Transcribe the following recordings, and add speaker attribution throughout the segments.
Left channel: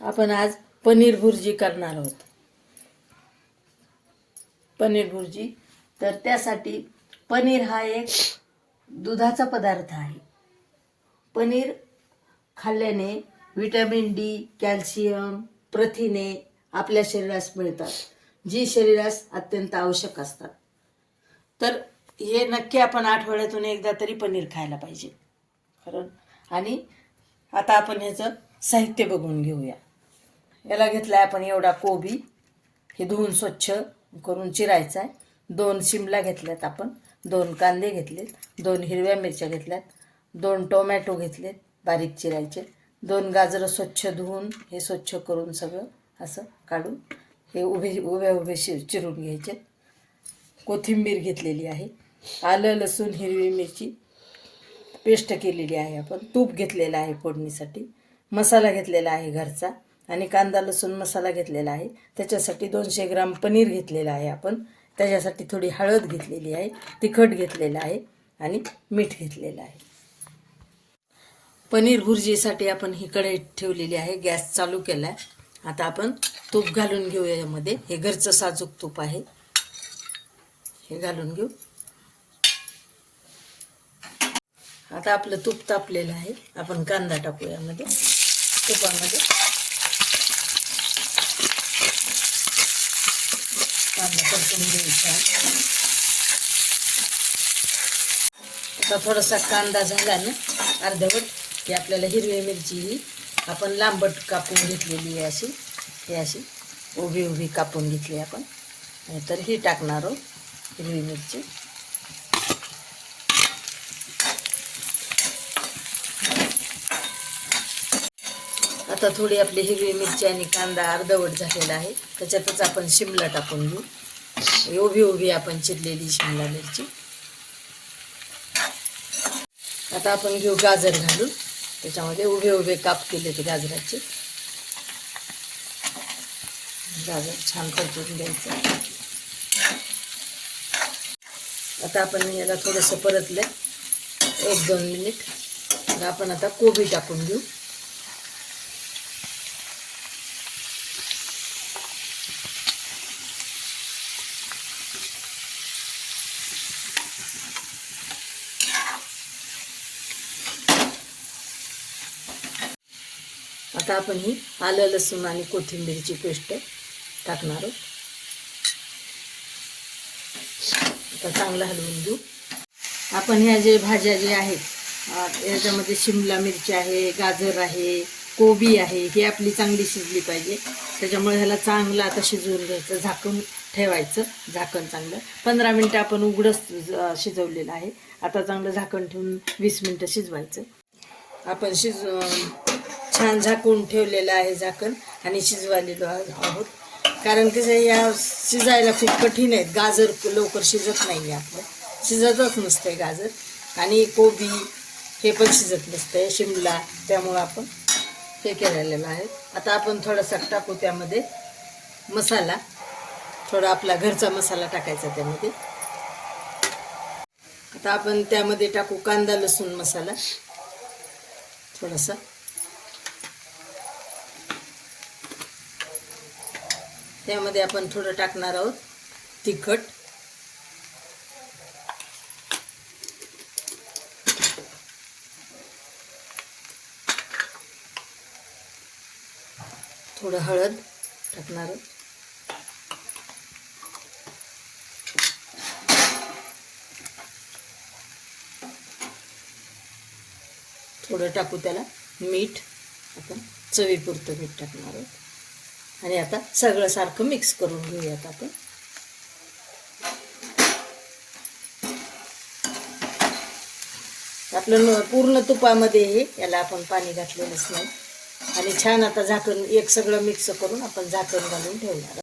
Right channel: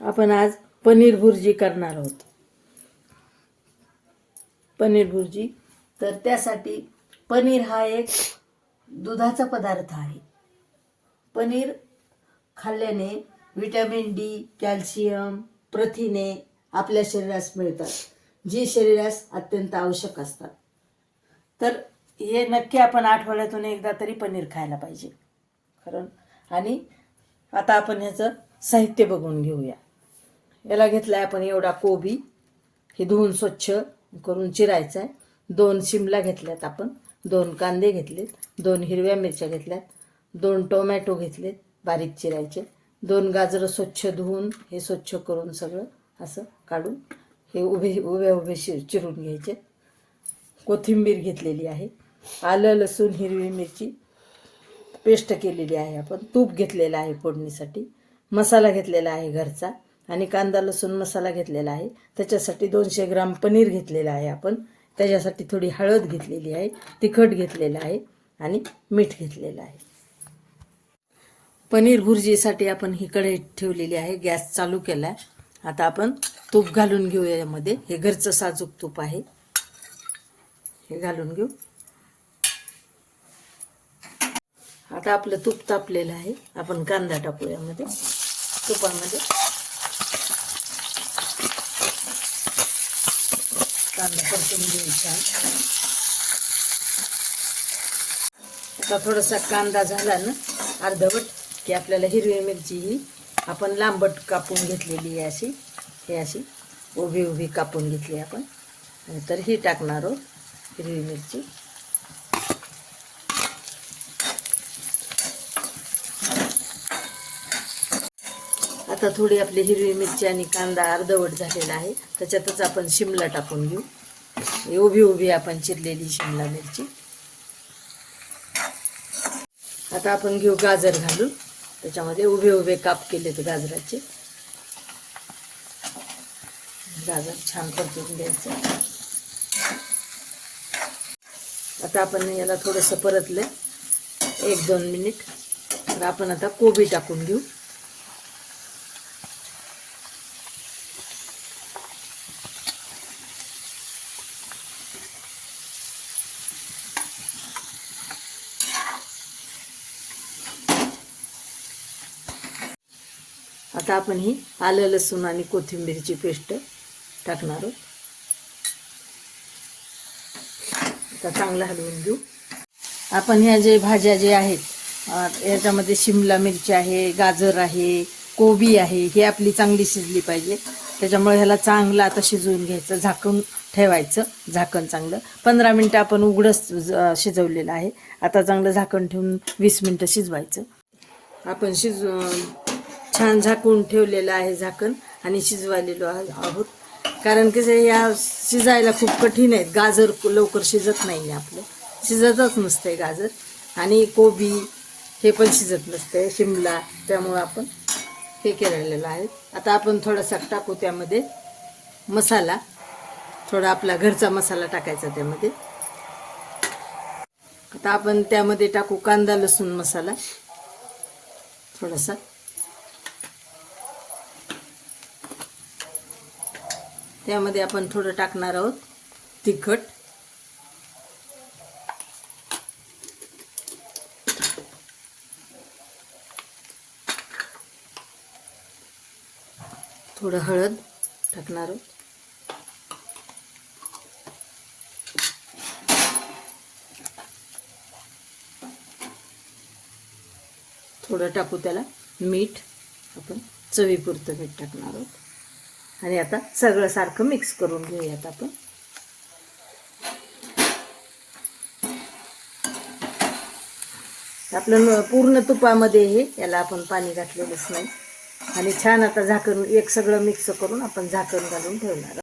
Speaker 1: आपण आज पनीर भुर्जी करणार आहोत. पनीर भुर्जी. तर त्यासाठी पनीर हा एक दुधाचा पदार्थ आहे. पनीर खाल्ल्याने विटॅमिन डी कॅल्शियम प्रथिने आपल्या शरीरास मिळतात जी शरीरास अत्यंत आवश्यक असतात. तर हे नक्की आपण आठवड्यातून एकदा तरी पनीर खायला पाहिजे. खरं? आणि आता आपण ह्याचं साहित्य बघून घेऊया. याला घेतला आहे आपण एवढा कोबी. हे धुवून स्वच्छ करून चिरायचा आहे दोन शिमला घेतल्यात आपण. दोन कांदे घेतलेत. दोन हिरव्या मिरच्या घेतल्यात. दोन टोमॅटो घेतलेत. बारीक चिरायचे. दोन गाजरं स्वच्छ धुवून हे स्वच्छ करून सगळं असं काढून हे उभे उभ्या उभे शि चिरून घ्यायचे. कोथिंबीर घेतलेली आहे. आलं लसूण हिरवी मिरची पेस्ट केलेली आहे आपण. तूप घेतलेलं आहे फोडणीसाठी. मसाला घेतलेला आहे घरचा. आणि कांदा लसूण मसाला घेतलेला आहे. त्याच्यासाठी दोनशे ग्राम पनीर घेतलेलं आहे आपण. त्याच्यासाठी थोडी हळद घेतलेली आहे तिखट घेतलेलं आहे आणि मीठ घेतलेलं आहे. पनीर भुर्जीसाठी आपण ही कढई ठेवलेली आहे गॅस चालू केला आहे आता आपण तूप घालून घेऊया यामध्ये. हे घरचं साजूक तूप आहे. हे घालून घेऊ. आता आपलं तूप तापलेलं आहे. आपण कांदा टाकू यामध्ये. तुपामध्ये. कांदा परतून घ्यायचा म्हणजे आता थोडासा कांदा झाला ना अर्धवट की आपल्याला हिरवी मिरची ही आपण लांबट कापून घेतलेली आहे अशी. हे अशी उभी उभी कापून घेतली आपण. तर ही टाकणार आहोत हिरवी मिरची. आता थोडी आपली हिरवी मिरची आणि कांदा अर्धवट झालेला आहे. त्याच्यातच आपण शिमला टाकून घेऊ. उभी उभी आपण चिरलेली शिमला मिरची. आता आपण घेऊ गाजर घालून. त्याच्यामध्ये उभे उभे काप केले ते गाजराचे. गाजर छान परतून घ्यायचं. आता आपण याला थोडंसं परतलं. एक दोन मिनिट. मग आपण आता कोबी टाकून घेऊ. आता आपण ही आलं लसूण आणि कोथिंबीरची पेस्ट टाकणार आहोत. आता चांगलं हलवून घेऊ. आपण ह्या जे भाज्या जे आहेत याच्यामध्ये शिमला मिरची आहे गाजर आहे कोबी आहे ही आपली चांगली शिजली पाहिजे. त्याच्यामुळे ह्याला चांगलं आता शिजवून घ्यायचं झाकून ठेवायचं झाकण चांगलं. पंधरा मिनटं आपण उघडंच शिजवलेलं आहे. आता चांगलं झाकण ठेवून वीस मिनटं शिजवायचं. आपण शिज छान झाकून ठेवलेलं आहे झाकण आणि शिजवालेलो आहोत. कारण की या शिजायला खूप कठीण आहेत. गाजर लवकर शिजत नाही आहे आपलं. शिजतच नसतंय गाजर. आणि कोबी हे पण शिजत नसतंय. शिमला त्यामुळं आपण हे केलेलं आहे. आता आपण थोडासा टाकू त्यामध्ये मसाला. थोडा आपला घरचा मसाला टाकायचा त्यामध्ये. आता आपण त्यामध्ये टाकू कांदा लसूण मसाला. थोडासा. त्यामध्ये आपण थोडं टाकणार आहोत तिखट. थोडं हळद टाकणार आहोत. थोडं टाकू त्याला मीठ आपण चवीपुरतं मीठ टाकणार आहोत. आणि आता सगळं सारखं मिक्स करून घेऊयात आपण. आपलं न- पूर्ण तुपामध्ये हे याला आपण पाणी घातलेलंच नाही. आणि छान आता झाकण एक सगळं मिक्स करून आपण झाकण घालून ठेवणार.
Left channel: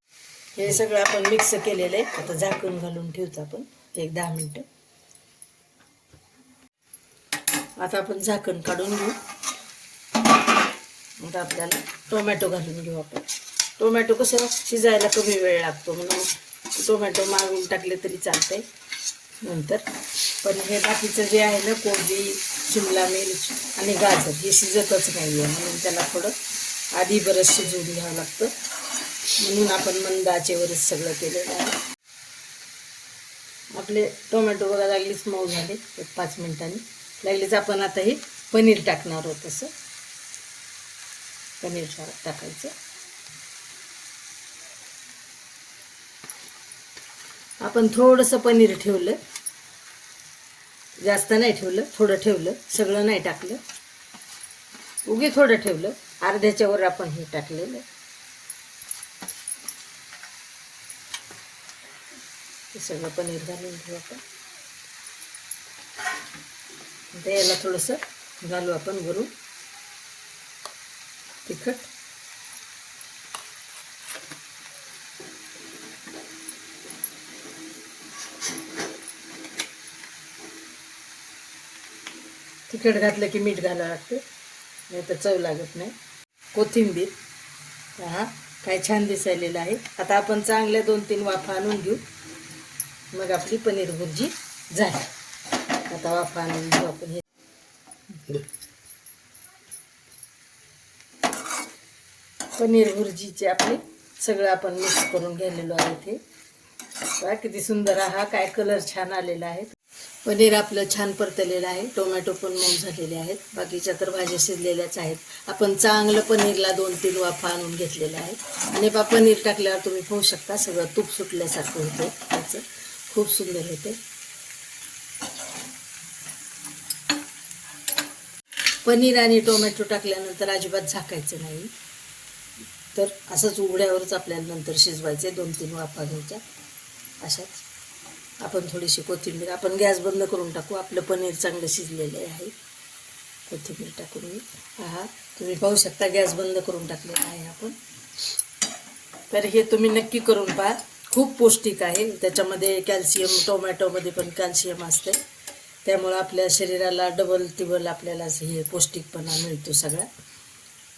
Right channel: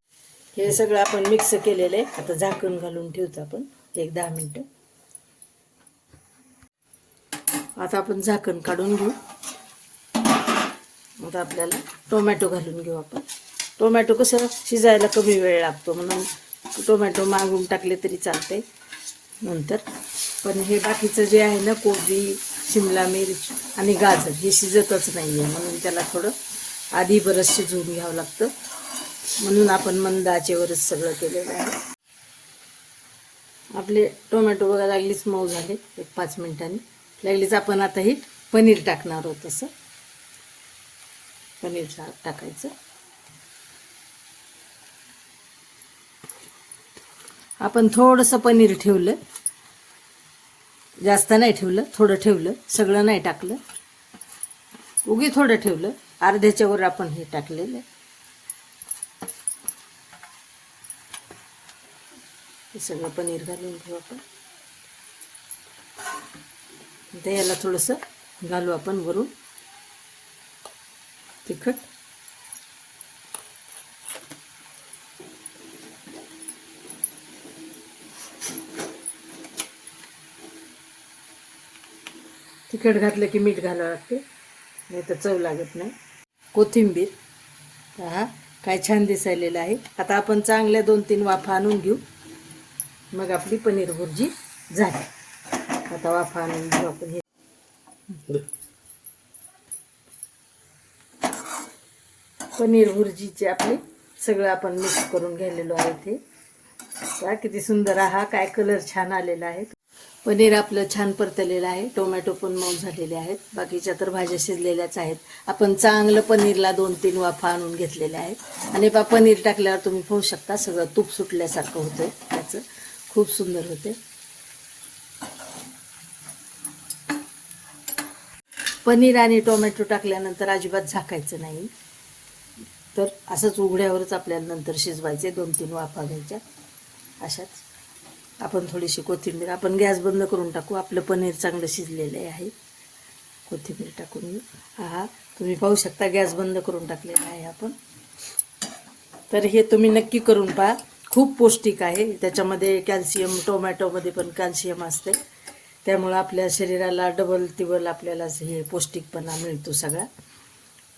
Speaker 1: हे सगळं आपण मिक्स केलेलं आहे. आता झाकण घालून ठेवतो आपण एक दहा मिनटं. आता आपण झाकण काढून घेऊ. आता आपल्याला टोमॅटो घालून घेऊ आपण. टोमॅटो कसं शिजायला कमी वेळ लागतो म्हणून टोमॅटो मागून टाकले तरी चालते नंतर पण हे बाकीचं जे आहे ना कोबी शिमला मिर्च आणि गाजर हे शिजतच नाही आहे म्हणून त्याला थोडं आधी बरंच शिजवून घ्यावं लागतं. म्हणून आपण मंद आचेवरच सगळं केलेलं आहे. आपले टोमॅटो बघा लागलीच मऊ झाले एक पाच मिनिटांनी. लागलीच आपण आता हे पनीर टाकणार आहोत तसं. पनीर टाकायचं. आपण थोडंसं पनीर ठेवलं. जास्त नाही ठेवलं थोडं ठेवलं सगळं नाही टाकलं. उगी थोडं ठेवलं अर्ध्याच्या वर आपण हे टाकलेलं. सगळं पनीर घालून घेऊ आता याला थोडंसं घालू आपण वरून. तिखट. तिखट घातलं की मीठ घालावं लागतं. नाही तर चव लागत नाही. कोथिंबीर. पहा काय छान दिसायलेलं आहे. आता आपण चांगल्या दोन तीन वाफा आणून घेऊ. मग आपली पनीर भुर्जी झाली. आता वाफा आणून घेऊ आपण हे. पनीर भुर्जीचे आपले सगळं आपण मिक्स करून घेतलेलो आहे ते. किती सुंदर. हा काय कलर छान आलेला आहे. पनीर आपलं छान परतलेलं आहे. टोमॅटो पण मऊ झालेले आहेत. बाकीच्या तर भाज्या शिजलेल्याच आहेत. आपण चांगलं पनीरला दोन तीन वाफा आणून घेतलेल्या आहेत. आणि बा पनीर टाकल्यावर तुम्ही पाहू शकता सगळं तूप सुटल्यासारखं होतं त्याचं खूप सुंदर होते पनीर आणि टोमॅटो टाकल्यानंतर अजिबात झाकायचं नाही. तर असंच उघड्यावरच आपल्याला नंतर शिजवायचे दोन तीन वाफा घ्यायच्या. अशाच. आपण थोडीशी कोथिंबीर आपण गॅस बंद करून टाकू. आपलं पनीर चांगलं शिजलेलं आहे. कोथिंबीर टाकून घेऊ हा तुम्ही पाहू शकता गॅस बंद करून टाकलेला आहे आपण. तर हे तुम्ही नक्की करून पहा. खूप पौष्टिक आहे. त्याच्यामध्ये कॅल्शियम टोमॅटोमध्ये पण कॅल्शियम असते. त्यामुळं आपल्या शरीराला डबल टिबल आपल्याला हे पौष्टिकपणा मिळतो सगळा.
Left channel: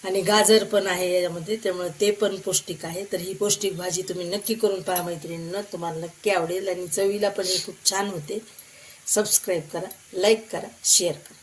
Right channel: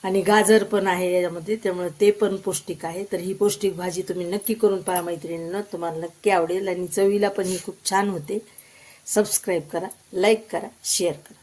Speaker 1: आणि गाजर पण आहे याच्यामध्ये त्यामुळे ते पण पौष्टिक आहे. तर ही पौष्टिक भाजी तुम्ही नक्की करून पहा मैत्रिणींना. तुम्हाला नक्की आवडेल आणि चवीला पण ही खूप छान होते. सबस्क्राईब करा लाईक करा शेअर करा.